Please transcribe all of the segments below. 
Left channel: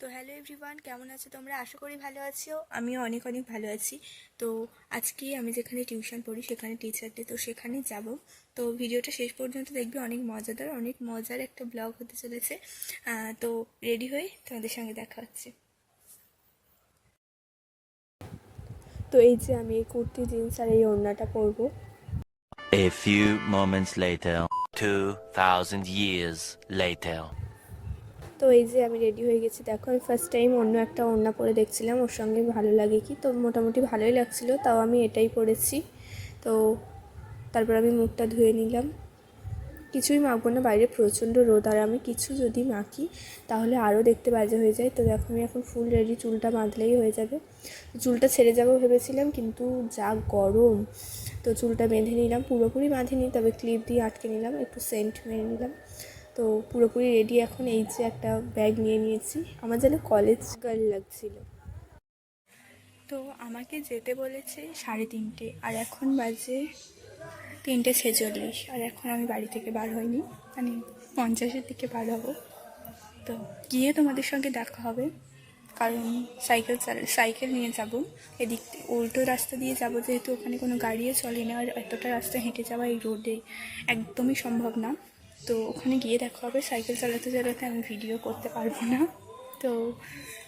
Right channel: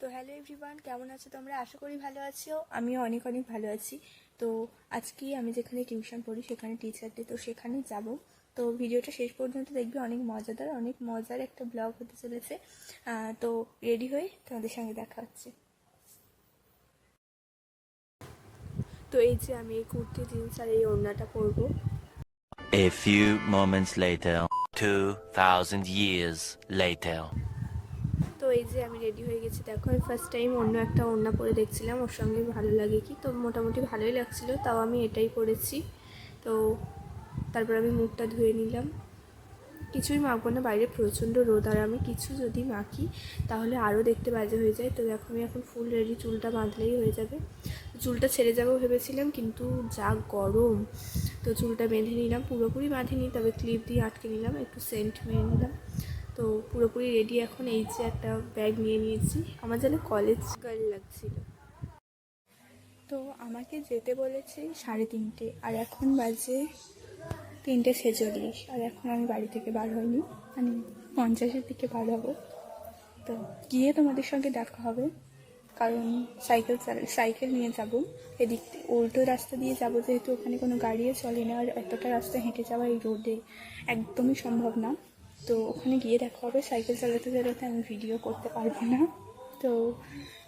তো hello everyone, কেমন আছো তোমরা? আশা করি ভালো আছো। আমিও অনেক অনেক ভালো আছি। তো আজকে আমি যেখানে টিউশন পড়ি সেখানে টিচার ডে, তো সেখানে যাব। তো ভিডিওটা শেষ পর্যন্ত দেখবে, অনেক মজাদার, অনেক মজার একটা ব্লগ হতে চলেছে। তো রেডি হয়ে তোমাদের সঙ্গে দেখা হচ্ছে। তো এই যে আমি এই কুর্তি জিন্স আর এই ওড়নাটা পরবো। A few moments later, 2000 years later. তো এই যে আমি রেডি হয়ে গেছি। দেখো, আমি ফার্স্ট টাইম অন্য একটা ওড়না পরে দেখছিলাম ওর সঙ্গে ভালো লাগে কি, তো মোটামুটি ভালোই লাগছিলো, তাও আমি এটাই পরেছি। তো তারপর আমি মুখটা ধুয়ে নিলাম। কিছুই মাখবো না, বাইরে প্রচণ্ড রোদ, আর আমি কিছু যদি মাখি তাহলে আরও দেখতে বাজে হয়ে যায়। তো দেখো আমি এখন ফুল রেডি, চুলটা বাঁধলেই হয়ে যাবে। চুলটা ছেড়ে যাবো ভেবেছিলাম, কিন্তু যা গরম, তো চুলটা বেঁধে নিলাম। পুরোপুরি বাঁধিনি, তবে ক্লিপ দিয়ে আটকে নিলাম, একটু সেন্ট মেরে নিলাম। তো পুরোপুরি রেডি এখন। এই যে একটা ব্যাগ নিয়ে নিয়েছি, আমার যেন কলেজ গার্ল লাগছিল। তো আমাকে যেতে বলেছে 3:30, আর এখন বাজে 3:46, আর এখন আমি বাড়ি থেকে বার হইনি, মানে 50-এর দিকে বার হব। তো গিয়ে তোমাদের সঙ্গে দেখা হবে, কারণ সাইকেল নিয়ে যাব। এদিক উল্টো রাস্তা দিয়ে যাব, যেহেতু ওখানে কোনো গাড়িও চলে না, আর এতটা রাস্তা হেঁটে যাওয়া এই রোডে একদমই সম্ভব না। তো ওখানে গিয়ে দেখা হবে। সাইকেল চালাতে চালাতে আমি ভিডিও করতে পারবো না, তো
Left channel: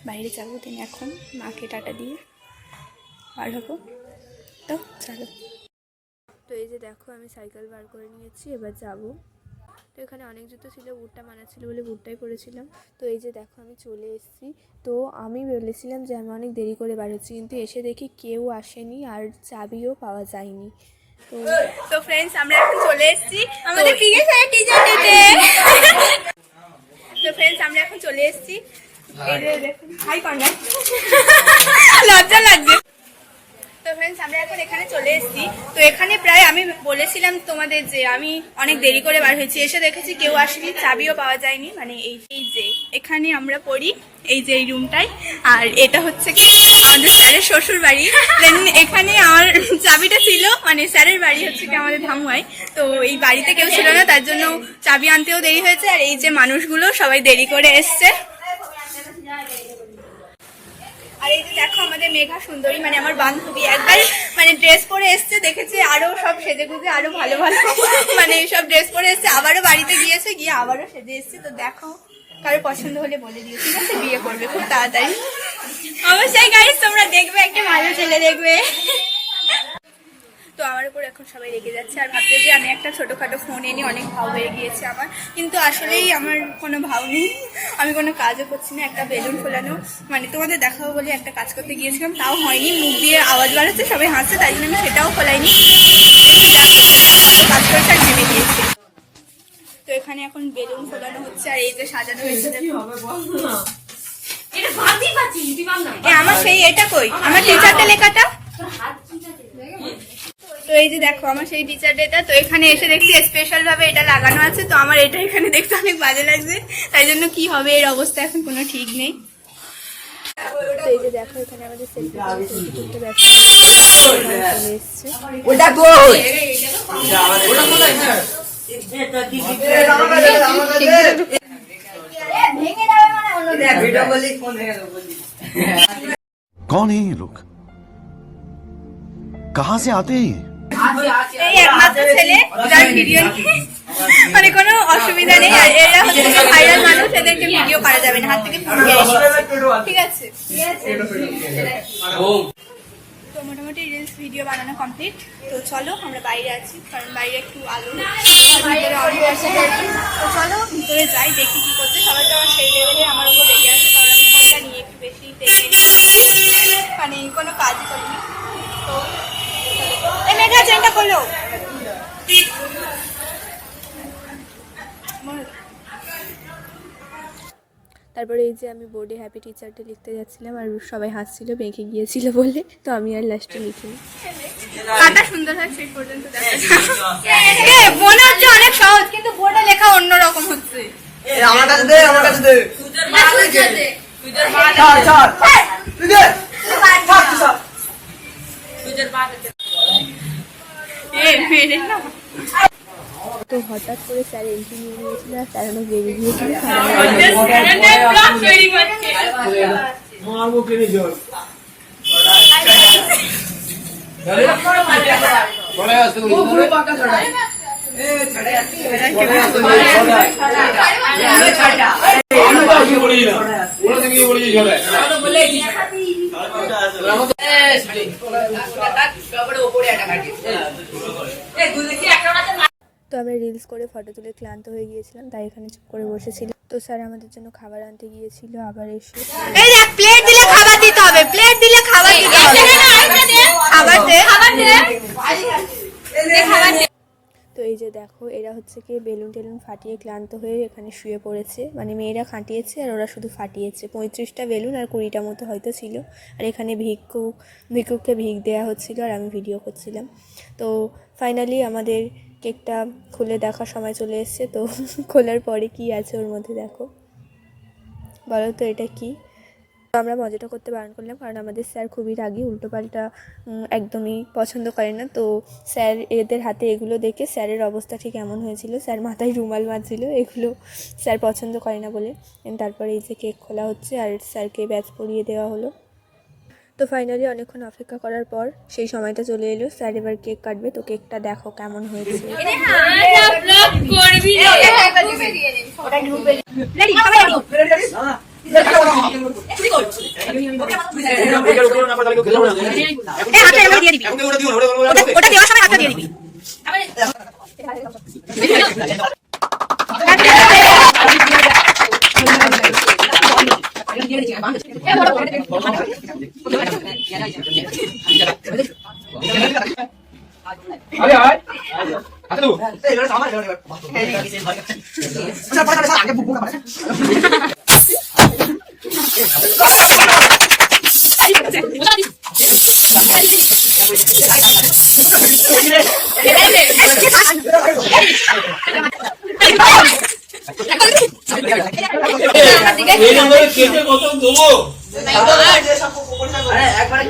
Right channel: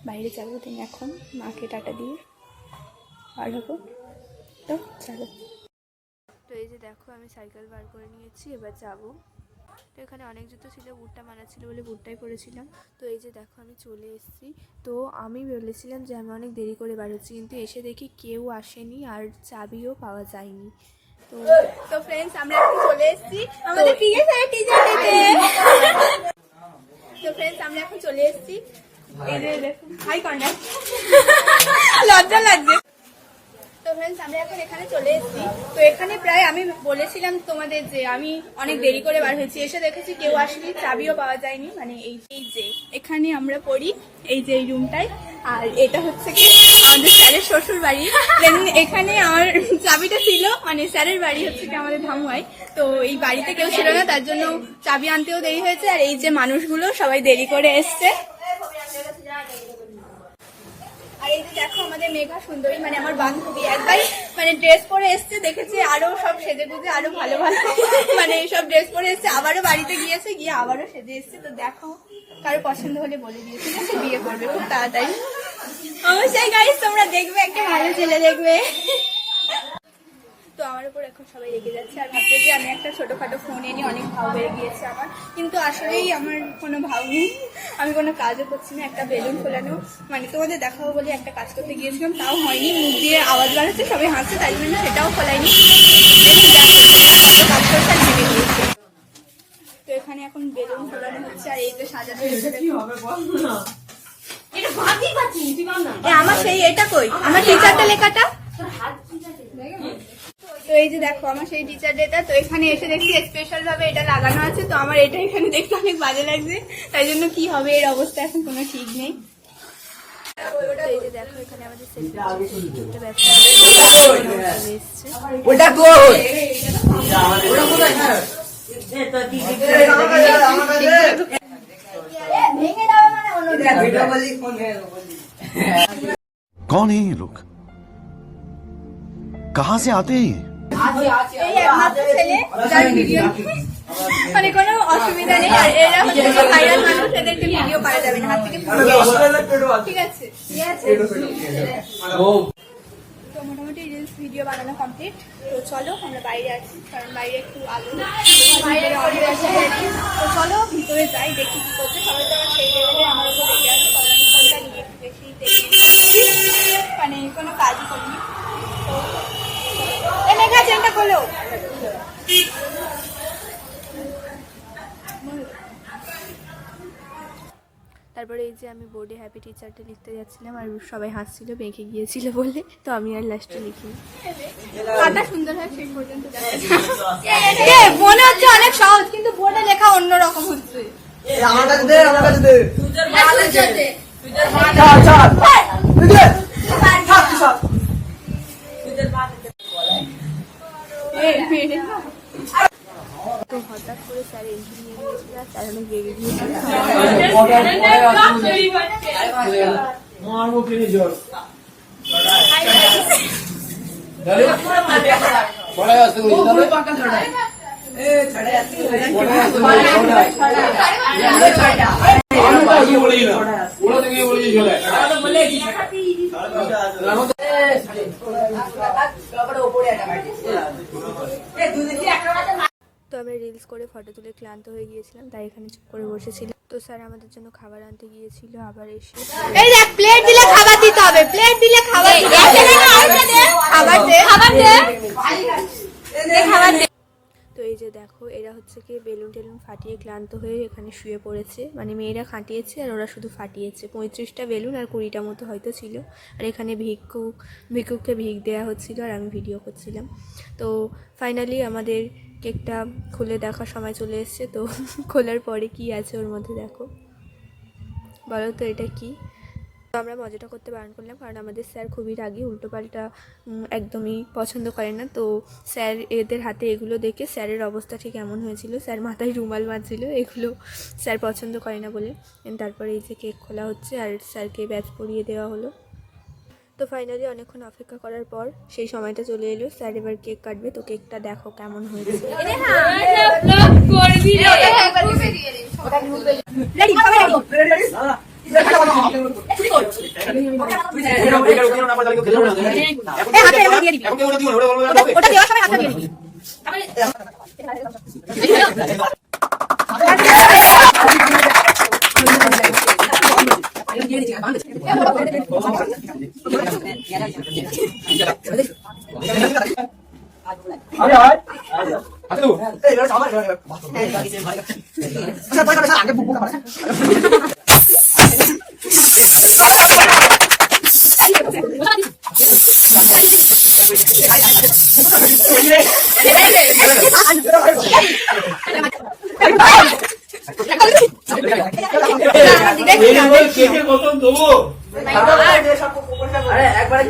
বাইরে যাবো। দিন এখন মাকে টাটা দিয়ে বার হবো। তো চলো। তো এই যে দেখো আমি সাইকেল বার করে নিয়েছি, এবার যাব। তো এখানে অনেক জুতো ছিল, বুটটা মানা ছিল বলে বুটটাই পরেছিলাম। তো এই যে দেখো আমি চলে এসেছি। তো আমি বলেছিলাম যে আমি অনেক দেরি করে বার হচ্ছি, কিন্তু এসে দেখি কেউ আসেনি আর চাবিও পাওয়া যায়নি। তো ফ্রেন্ডস, আমরা এখন চলে এসেছি আমাদের পিকে স্যারের টিচার ডেতে। তো ফ্রেন্ডস, আমরা এখন চলে এসেছি। এই যে দেখুন, হাই কর্নার, লজ্জা লাগছে। তো ফ্রেন্ডস, আমরা এখন এখানে চলে এসেছি। তো এখানে প্রায় আমি বলেছিলাম তোমাদের যে আমি অনেক দেরি করে বার হয়েছি, এসে দেখেছি কেউ আসেনি, চাবিও পাওয়া যায়নি। মানে এই যে এখানে আমরা পড়ি, এই যে এই রুমটাই, আর এটা হচ্ছে কি আমাদের স্যারের শ্বশুর বাড়ি। দেন এখানে আমার চাবিটা ছিল, মানে স্যারের বাড়ি হচ্ছে কি আমাদের ধামুয়ায়। তো এই বাড়িতে কেউ ছিল না, তার জন্য চাবি আনতেও দেরি হয়েছে। আর এই যে মানুষগুলো সবাই দেরি করে এসছে। আর এই যে দেখো আমাদের মেঘা সুন্দরী, মানে আমার বান্ধবী, একবার মানে ড্রেস পরে এসছে, দেখেছে আরো সব সেজে গুজে আরো ভালো ভালো মানে সব ড্রেস পরে এসছে, আবারও বাড়িতে গিয়েছে, গিয়ে আবারও সেজে এসছে। তো দেখো, কারো পছন্দ হলে বলে দিও, ঠিক আছে? বিয়ে করবে খুব তাড়াতাড়ি। অবশ্যই গাইস, তোমরা দেখবে, একটা ভালো ছেলে দেখবে। তো আমার উপর এখন সবাই রেগে যাচ্ছে আর ভাবছে যে আমি একটা ছোটোখাটো ফোন এনে অনেক ভাও হয়ে গিয়েছে আমার, কিন্তু আসলেই আমার কোনো ভাও নেই, আমি কোনো কাজও করছি না। একটা বেলুন ফোলানো, মানে তোমাদের দেখাবো বলে একটা কাজ করতে গিয়েছিলাম, তাও হয়নি, মুখ দিয়ে আওয়াজ বাড়াচ্ছে, সবাই হাসছে, তাই জন্য আমি সেটাও ফোলাইনি। কত কাজ করেছে আর ভেঙে দিয়েছে। তো এখানে এখন বেলুন ফোলানো হচ্ছে, আর এই যে সাজানো হয়েছে আমার সেই এটা কই, আমার টিচারটা লেখাটা। তো এই যে দেখো আমার সেই টিচার ডেটা। তো এখানে এসে দেখছি স্পেশাল ভাবে এটা লাগানো আছে, তো আমার এটা এখানে দেখতে অনেক বাজে লাগছে, তাই জন্য কি হবে এর অবস্থা এখন কোনো ঠিক নেই। এই যে দেখো এখানে আমাদের সেলফি ব্যবসা कौन है ये लोग, कहाँ से आते हैं? এই একমাত্র ছেলে যার ভিডিও মানে কোনো অসুবিধা নেই, আর এরা হচ্ছে ভাইরাল মানুষ, এদেরকে ভিডিও করা যাবে না, হাত থেকে ফোন ঠিক আছে। তো মোটামুটি রিলস ভিডিও বানানো কমপ্লিট। তো চলো আমরা বাইরে আছি, কারণ বাইরে একটু আলো ভিতরে অনেক আছে। তো চলো ভিতরে যাই, দেখি কি করছে সবাই। তো আমার সেই লেভেলে আমার উপর রেগে আছে, কারণ আমি ফোনটা নিয়ে একটু বেশি দেখে মানে কোনো কাজই করিনি। তো এই মেঘা চেনটা খোলো। তারপরে এই যে আমি বোর্ডে হ্যাপি টিচার ডে লিখতে যাচ্ছিলাম, আর সবাই হাসছিল বেঁকে গিয়েছিল বলে, তো আমি আর লাস্টে লিখিনি। কাটা সুন্দর হয় সেই পর্যন্ত মনে হচ্ছে অনেক সহজ, কিন্তু বোর্ডে লেখা অন্যরকম হচ্ছে। আমার কাছে দে, আমার কাছে দে। তো হঠাৎ করে স্যার এন্ট্রি নিয়ে নিয়েছিল আর স্যার অনেক রেগে গিয়েছিল। তো আমরা রিলস করে ফটো তুলে ক্লান্ত হয়ে গিয়েছিলাম, তাই এখানে চুপ করে বসেছিলাম। তো স্যার আমাদের জন্য খাবার আনতে গিয়েছিল, আবার এসে এই দেখ প্লেট দিলে খাবার দিতে হবে, প্লেট দিলে খাবার দিতে হবে, খাবার দে খাবার দে খাবার দে। তো এই যে দেখো এরা হচ্ছে কি বেলুন টেলুন ফাটিয়ে ক্লান্ত হয়ে এখানে শুয়ে পড়েছে, মানে মেয়েরা খাটিয়েছে আর ওরা শুধু ফাটিয়েছে। 35টা বেলুন আর 20টা মতো হয়তো ছিল। আর এখানে ভিক্ষুককে ভিক দেওয়া হচ্ছিল আর আমি ভিডিও করছিলাম। তো ফাইনালি আমাদের কেকটা খুলে দেখার সময় চলে এসছে। তো খোলার পরে কি আছে ওর মধ্যে দেখো, বলো তো এটা কি। আমরা মজাটা করতে বারণ করলাম, কারণ আমাদের স্যার খুবই রাগী, উল্টোপাল্টা একদমই পছন্দ করে না। তো স্যার এদের হাতে এগুলো দেখে স্যারের অবস্থা ঠিক এমন হয়েছিল, স্যার মাথায় রুমাল বাঁধছিল, এগুলো স্যার পছন্দ করে না বলে। তারপরে এই যে কেক খোলা হচ্ছে আর স্যারকে ব্যাচ পরিয়ে দেওয়া হলো। তো ফাইনালি অনেকক্ষণ অপেক্ষা করার পর সেই সময়টা চলে এলো, স্যার এবার কেক কাটবে। তো কেকটা দেখো কেমন হয়েছে। ওটা দেওয়ার সময় হাতটা দিয়ে দিবি। আরে আয় আচ্ছা তুই এই লড়া সামনে লড়া আচ্ছা পাড়া আগে বুক বুক পাড়া এই নম্বরে কেটে কত দেবো আরে একবারে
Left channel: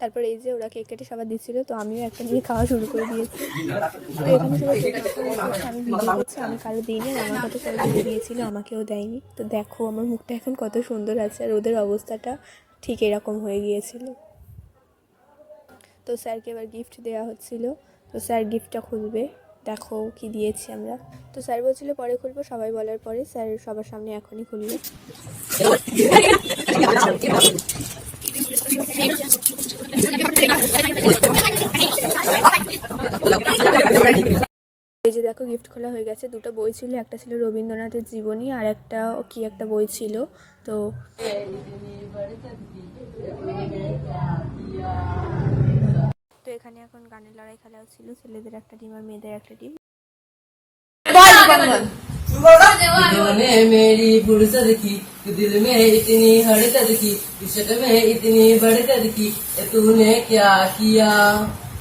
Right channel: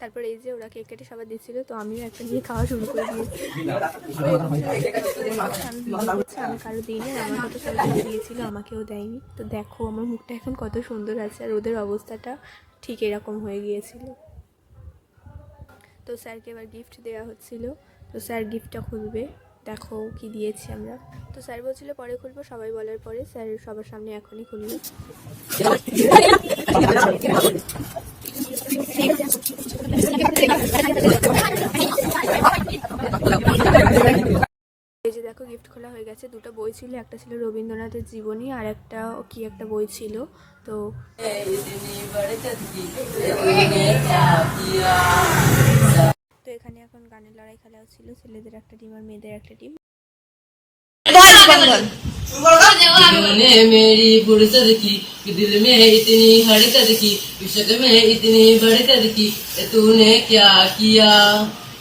তারপর এই যে ওরা কেক কেটে সবার দিচ্ছিল, তো আমিও একটা নিয়ে খাওয়া শুরু করে দিয়েছি। তো এরকম ছিল আমি ভিডিও করছি, আমি কারো দিইনি, আমার কত সবাই দিয়েছিল, আমাকেও দেয়নি। তো দেখো আমার মুখটা এখন কত সুন্দর আছে, আর ওদের অবস্থাটা ঠিক এরকম হয়ে গিয়েছিল। তো স্যারকে এবার গিফট দেওয়া হচ্ছিল, তো স্যার গিফটটা খুলবে, দেখো কি দিয়েছি আমরা। তো স্যার বলছিল পরে খুলবো, সবাই বলার পরে স্যার সবার সামনে এখনই খুলবে। এই যে দেখো গিফট খোলা হয়ে গেছে। দুটো বই ছিল, একটা ছিল রবীন্দ্রনাথের জীবনী আর একটা কি একটা বই ছিল। তো এখানে এখন গানের লড়াই খেলা হচ্ছিল, ছেলেদের একটা টিম আর মেয়েদের একটা টিম। ने मेरी फुर्सत की दिल में इतनी हरकत की इश्क में इतनी बरकत की तूने क्या किया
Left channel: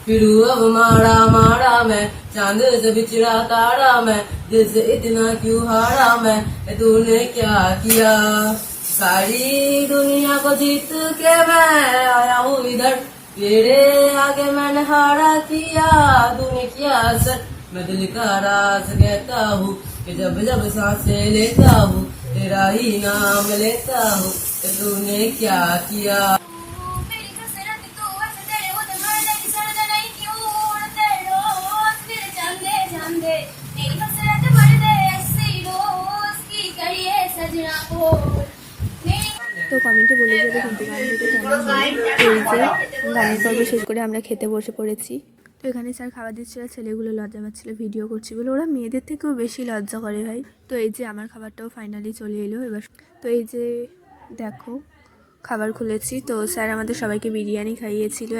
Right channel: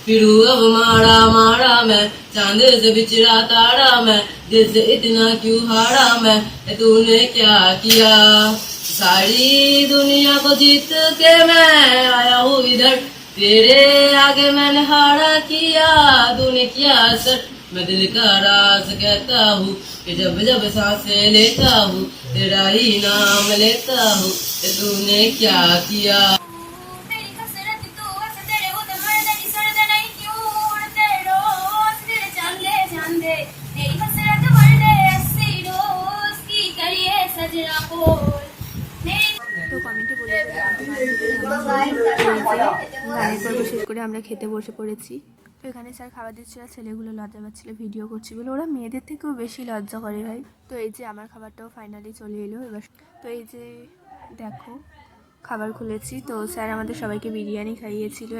फिर अब मारा मारा मैं चांद से बिछड़ा तारा मैं दिल से इतना क्यों हारा मैं तूने क्या किया सारी दुनिया को जीत के मैं आया हूँ इधर तेरे आगे मैंने हारा किया तूने किया असर मैं दिल का राज कहता हूँ कि जब जब सांसें लेता हूँ तेरा ही नाम लेता हूँ तूने क्या किया তো কমেন্টে বলে যাবে কিন্তু গানের পর্ব শেষ করে আমরা খেতে বসে পড়েছি। তো এখানে স্যার খাবার দিচ্ছিল, ছেলেগুলো লজ্জা পাচ্ছিল ভিডিও করছি বলে, ওরা মেয়েদের থেকেও বেশি লজ্জা করে ভাই। তো এই যে আমার খাবারটাও ফাইনালি চলে এলো এবার। তো এই যে দেখো খাবার খুলেছি, তো স্যার আমাদের সবাইকে বিরিয়ানি খাইয়েছিল।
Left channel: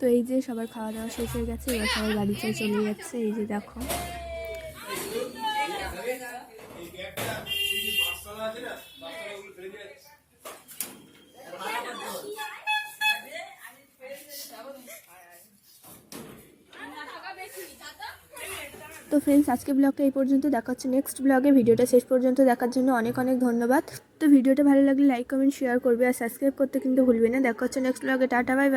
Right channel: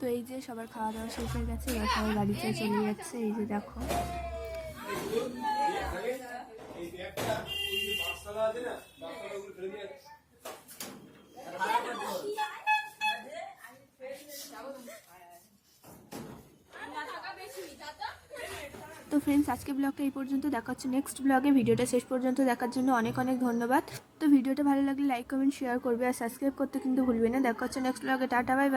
তো এই যে সবার খাওয়া দাওয়া শেষ হয়ে গেছে, এবার সবাই বাড়িতে চলে যাচ্ছে। এই যে দেখো ফ্রেন্ডস, আজকে ব্লগটা এই পর্যন্ত, দেখা হচ্ছে নেক্সট ব্লগে। ভিডিওটা শেষ পর্যন্ত দেখার জন্য অনেক অনেক ধন্যবাদ। তো ভিডিওটা ভালো লাগলে লাইক কমেন্ট শেয়ার করবে আর সাবস্ক্রাইব করতে কিন্তু ভুলবে না। দেখা হচ্ছে নেক্সট ব্লগে। Tata, bye bye.